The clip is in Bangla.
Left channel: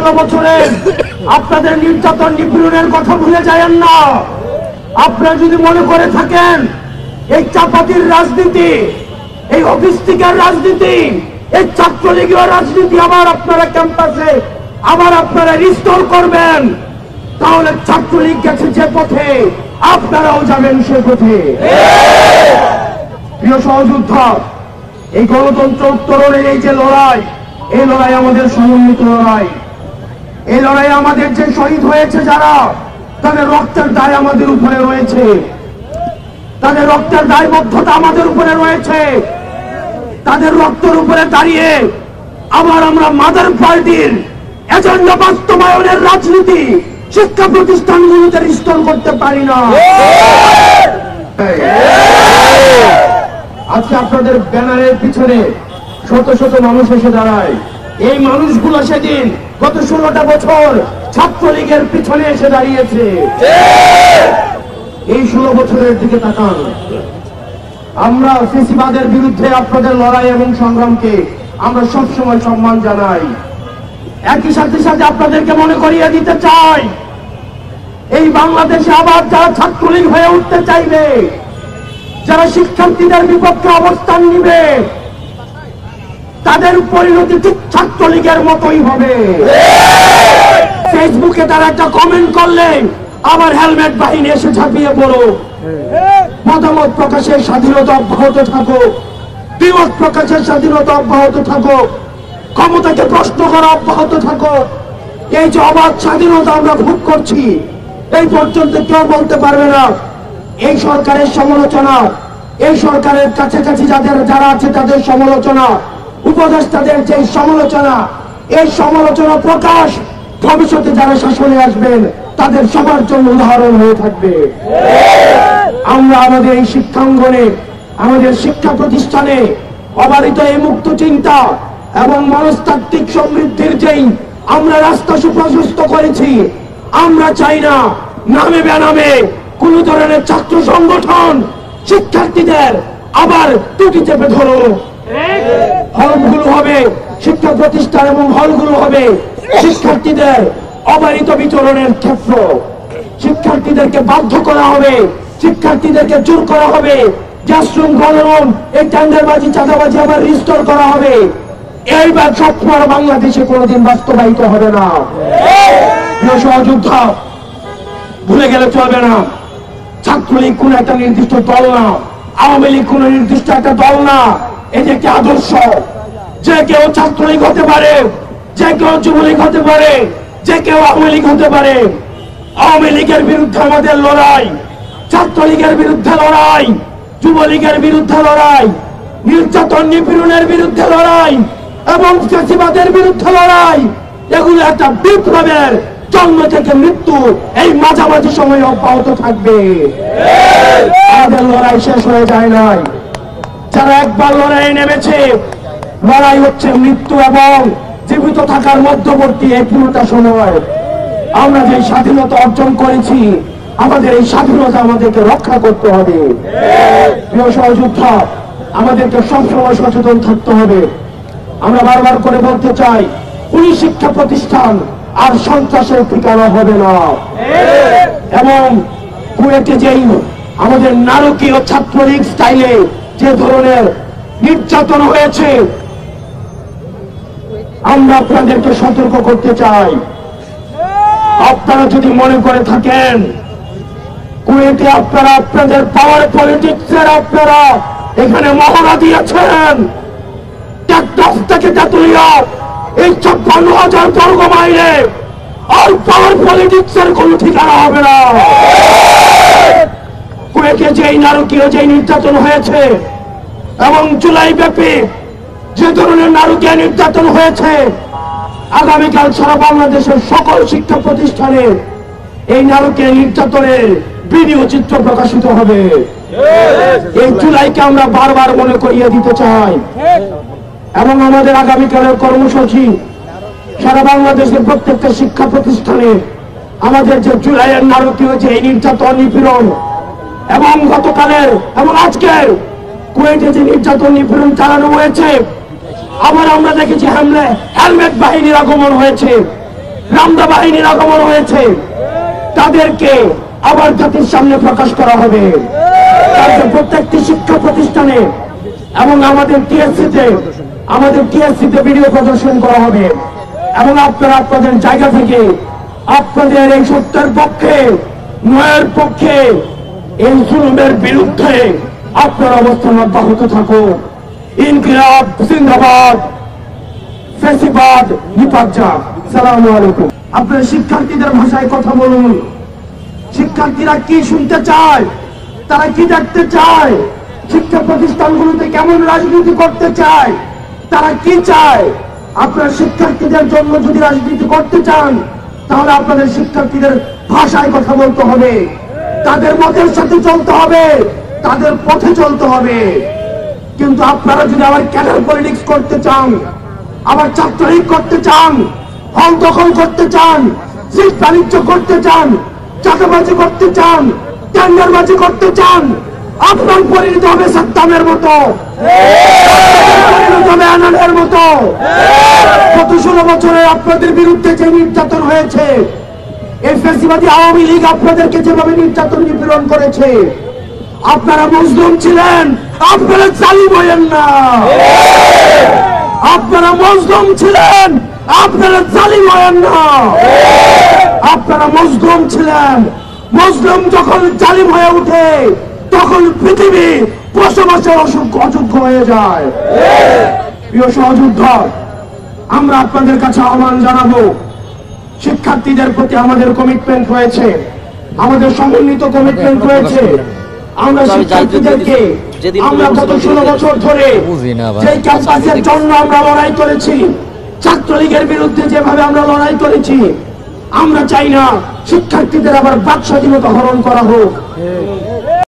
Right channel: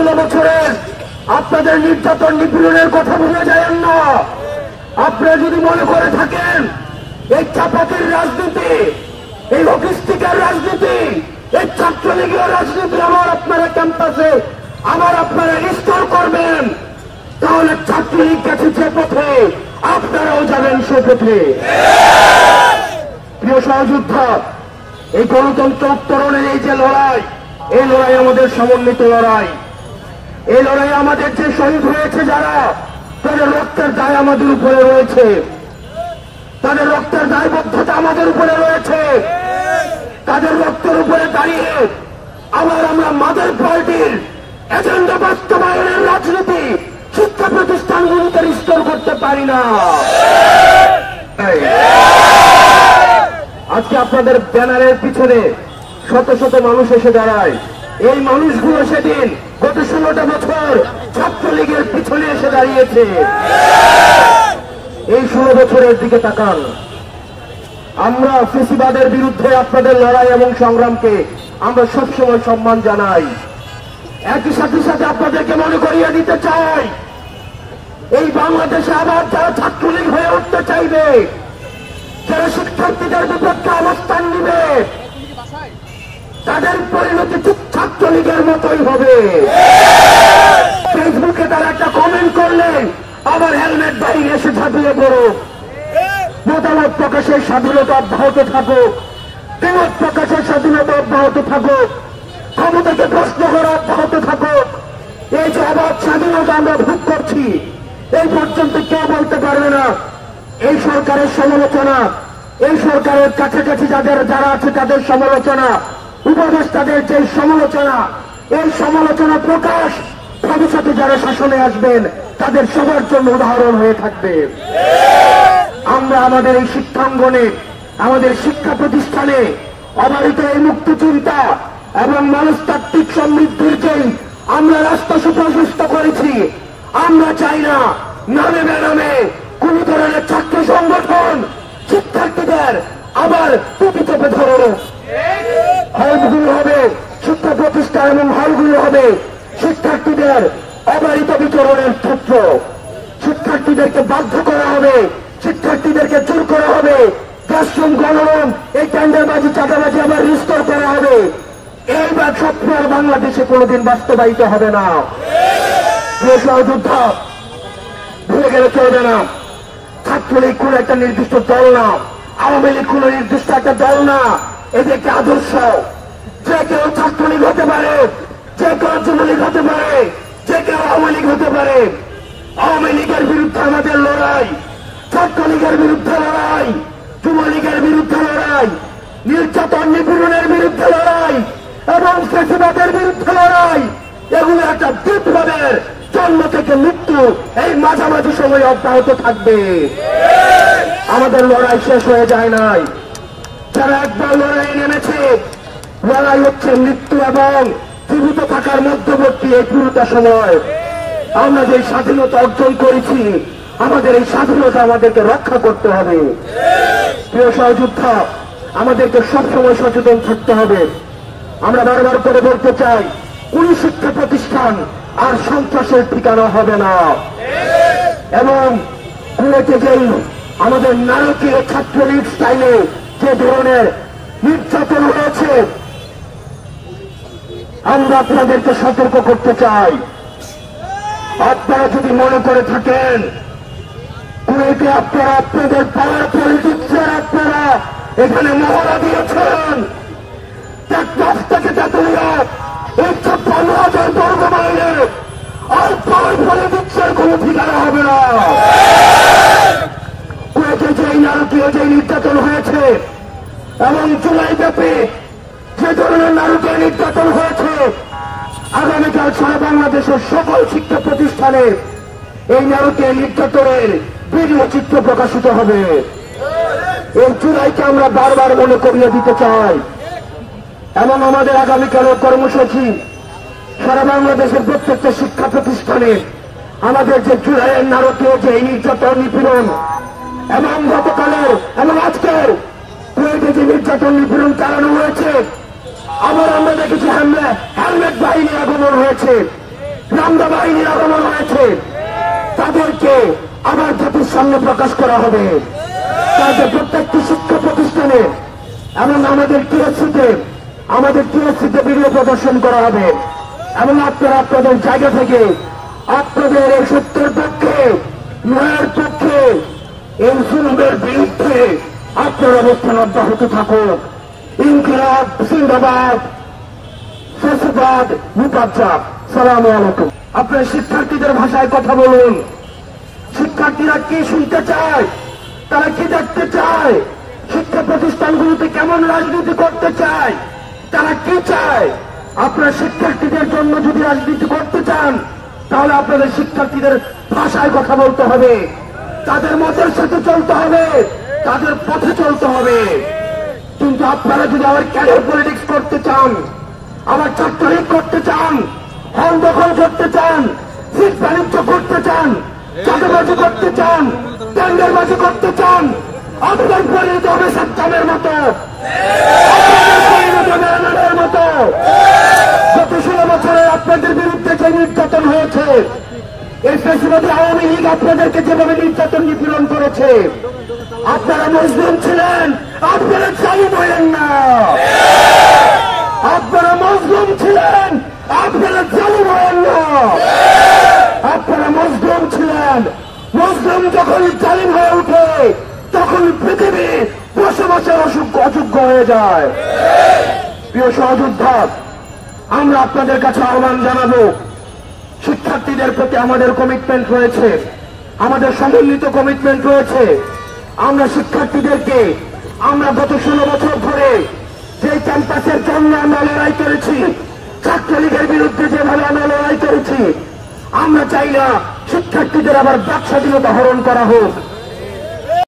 16 বছরে আপনাদের নির্যাতন নিপীড়নের কথা ভুলে যাবেন না। আপনারা যদি মনে করে থাকেন এই চাপাতির রাজনীতি, এই অফিস্টিকের রাজনীতি, এই ছাত্রলীগের রাজনীতি আবার আপনারা ক্যাম্পাসে আবার আপনারা রিস্টোর করবেন, তাহলে ছাত্রলীগ গেছে যে পথে আপনারাও যাবেন সে পথে। প্রিয় সহযোদ্ধা, এই গণতন্ত্র উত্তরণের এই যে লড়াই, এই লড়াই আমাদের সমন্বিত লড়াই। এই লড়াই আমাদের যে শহীদ হয়েছে যারা, তাদের রক্তের দায় আমাদের উপরে রয়েছে, তাদের রক্তের দায়বদ্ধতা আমাদের উপরে রয়েছে। তাদের রক্তের উপরে দাঁড়িয়ে আবার আমরা মাদার পার্টির এজেন্ডা বাস্তবায়নের রাজনীতি শিক্ষা প্রতিষ্ঠানগুলিতে রিস্টোর করতে পারি না। আজকে আপনাদের ব্যানারের পিছনে শত শত মানুষ এসে দাঁড়ায়। এই মানুষগুলো সেদিন গত 16টা বছর ছাত্রলীগের পিছনে এসে দাঁড়িয়েছে। এই 16 বছরের দিকে তাকান। আমরা ফেসিবাদের বিরুদ্ধে আপনাদের লড়াই এবং সংগ্রামকে আমরা সবসময় সম্মান জানাই। একই সাথে সাথে আপনাদেরকে মনে করিয়ে দিতে চাই, এই বাংলাদেশে আবার যারা ছাত্রলীগ হয়ে উঠতে চাইবে, যারা শিক্ষার্থীদের বিপক্ষে অবস্থান নিবে, তাদের পরিণতি ঠিক ছাত্রলীগের মতোই হবে। ফেসবুকে তারা একটা কমেন্ট করলেন, আবার হেলমেট বাহিনী এসে ঝাঁপিয়ে পড়ো। মতামত প্রকাশের স্বাধীনতা অব্যাহত থাকুক, দ্বিমত প্রকাশের স্বাধীনতা অব্যাহত থাকুক, ক্ষমতাকে প্রশ্ন করা অব্যাহত থাকুক। এই যে অবাধ স্বাধীনতা আমরা ভোগ করছি, এই পর্যন্ত কেউ বলতে পারবে না এই সরকারের সমালোচনা, এই সরকারের কাছাকাছি যারা আছে তাদের সমালোচনা, উপদেষ্টাদের যে সমালোচনা, এই সমালোচনা প্রকাশ ভবিষ্যতে যারা শাসনে আসবেন তাদের সবার জন্য উদাহরণ হয়ে থাকবে। আমরা আমাদের এই শিক্ষাঙ্গনে, আমাদের শিক্ষা প্রতিষ্ঠানে অবারিত এই মুক্ত চিন্তা এবং মনস্তাত্ত্বিক সমৃদ্ধির যেই আমরা রাস্তা সুপ্রশস্ত করেছি, আমরা চাই না নামে বেনামে কোন ধরনের ছাত্র সংগঠন শিক্ষার্থীদের আবার টুকি চেপে ধরুক। হলগুলো হবে শিক্ষা প্রতিষ্ঠান এবং হলগুলো হবে শিক্ষার্থীদের অবারিত বিচরণের ক্ষেত্র। শিক্ষার্থীদেরকে বাধ্য করা হবে, শিক্ষার্থীদেরকে জোর করা হবে, ক্লাসরুম গণরুম এই টেন্ডারবাজি চাঁদাবাজি আবার রিস্টোর করা হবে। এইবার স্বপ্ন বাংলাদেশে কোনোদিন বাস্তবায়িত হবে না। প্রিয় সহযোদ্ধা, ভুলে গেলে চলবে না, ছাত্রলীগ কোন একটা নির্দিষ্ট দল না, আওয়ামী লীগ কোন নির্দিষ্ট একটা দল না, এটি একটি আদর্শ। যে কেউ ছাত্রলীগ হতে পারে, যে কেউ যুবলীগ হতে পারে, যে কেউ আওয়ামী লীগ হতে পারে। আওয়ামী লীগের বিরুদ্ধে আমাদের লড়াই, ছাত্রলীগের বিরুদ্ধে লড়াই, যুবলীগের বিরুদ্ধে লড়াই, নির্যাতন নিপীড়নের বিরুদ্ধে লড়াই এবং ফ্যাসিবাদের বিরুদ্ধে লড়াই, এগুলো একটা বিপ্লবের জন্ম থেকে মৃত্যু এই মাঝামাঝি সময় অব্যাহত থাকবে। আমাদের লড়াই শেষ হয়ে যায় নাই। যারা একবার লড়াইয়ে নেমেছে, লড়াই হচ্ছে মৃত্যু এবং জীবিত থাকার মধ্যবর্তী এই পুরোটা সময়। আমরা যে স্বাধীনতা অর্জন করেছি, আমাদের এই স্বাধীনতা আমাদেরকে রক্ষা করতে হবে। প্রিয় সহযোদ্ধা, আমাদেরকে সবসময় সচেতন থাকতে হবে। আমরা বারবার করে বলতে চাই, কোন শিক্ষা প্রতিষ্ঠান আর সন্ত্রাসের ঠিকানা হবে না। এবং কুয়েটে যেই আমাদের নারকীয় ছাত্রলীগ স্টাইলে যে ধরনের নির্যাতন হয়েছে, আমরা আপনাদেরকে সতর্ক করতে চাই। আপনারা যদি মনে করে থাকেন কুয়েটে আপনারা আপনাদের পাওয়ার পলিটিক্সের আপনারা এখানে মহড়া দিয়েছেন, টেকনাফ থেকে তেতুলিয়া এই 56,000 বর্গ মাইলে আর পাওয়ার পলিটিক্সের কোন ঠিকানা হবে না। কুয়েটে যেই নারকীয় যে নির্যাতন হয়েছে এবং জুলাই ব্যাপী যে ধরনের নারকীয় নির্যাতন হয়েছে, আগামীকাল সারা বাংলাদেশের সকল শিক্ষা প্রতিষ্ঠানে এই নারকীয় নির্যাতনের ভিডিও চিত্র প্রকাশিত হবে। এই জুলাইকে আমরা বারবার মনে করিয়ে দিতে চাই এবং আমাদের আগামীকালের কর্মসূচি সারা বাংলাদেশের প্রত্যেকটা শিক্ষা প্রতিষ্ঠানে আমাদের যে জুলাইয়ের নারকীয় যে নির্যাতন নিপীড়ন এবং গতকালের এবং আজকের কুয়েটে যে নির্যাতন নিপীড়ন চালানো হয়েছে, আবার আমরা দেখেছি হেলমেট বাহিনীর আগমন হয়েছে। রামদা বাহিনীর আগমন হয়েছে, তাদেরকে আবার জাতির সামনে প্রকাশ করা হবে। তাদের প্রত্যেকটি শিক্ষা প্রতিষ্ঠানে এবং আমাদের টিএসসিতে ভিডিও প্রদর্শন করা হবে এবং আপনারা আপনাদের জায়গা থেকে আপনাদের এই সত্যের পক্ষে, ন্যায়ের পক্ষে, এই জুলুমের বিরুদ্ধে আপনার অবস্থান অব্যাহত থাকুন। ইনকিলাব জিন্দাবাদ, ফ্যাসিবাদ নিপাত। সালামু আলাইকুম। আপনার শিক্ষার্থীদের ভাষায় কথা বলুন। শিক্ষার্থীরা কি শুনতে চায়, তারা কি দেখতে চায়, শিক্ষা প্রতিষ্ঠানগুলোতে কেমন রাজনীতি করতে চায়, তারা কি চায়। আপনার শিক্ষার্থীদের জন্য যদি রাজনীতি করতে চান, তাহলে আপনাদের শিক্ষার্থীদের ভাষায় কথা বলতে হবে, তাদের মতের সাথে চলতে হবে, তাদের পথে চলতে হবে। কিন্তু আপনারা যদি আবার ক্যারিয়ার পলিটিক্স করতে চান, আবার ছাত্রলীগ করতে চান, হল দখল করতে চান, সিট বাণিজ্য করতে চান, চাঁদাবাজি করতে চান, টেন্ডারবাজি করতে চান, আপনার পরিণত হবে সাদ্দামের মতো, পরিণত হবে আনালের মতো। গত 16 বছরে আপনাদের বিরুদ্ধে যে নির্যাতন হয়েছে, এই ফ্যাসিবাদী আওয়ামী লীগ আপনাদেরকে যেভাবে নির্যাতন নিপীড়ন করেছে, আপনারা মজলুম ছিলেন, আপনারা জালিম হলেন না। আপনারা মজলুম ছিলেন, আপনারা জালিম হলেন না। আপনারা মজলুম ছিলেন। মজলুম যখন জালিম হয়ে উঠে, তখন পৃথিবী বসবাসের অযোগ্য হয়ে যায়। প্রিয় সহযোদ্ধা, আমরা আপনাদের কাছে আহ্বান জানাবো, শিক্ষার্থীদের প্রতি আমাদের কমিটমেন্ট রয়েছে, আমাদের সম্মিলিত কমিটমেন্ট রয়েছে। আমরা শিক্ষার্থীদেরকে আমরা গত 16 বছর ধরে যে ক্যাম্পাসের জন্য আমরা লড়াই করেছি, ছাত্রলীগের বিরুদ্ধে যেভাবে আমরা লড়াই করেছি, আমরা চাই না শিক্ষার্থীদের আবার বাক স্বাধীনতা হরণ করা হোক।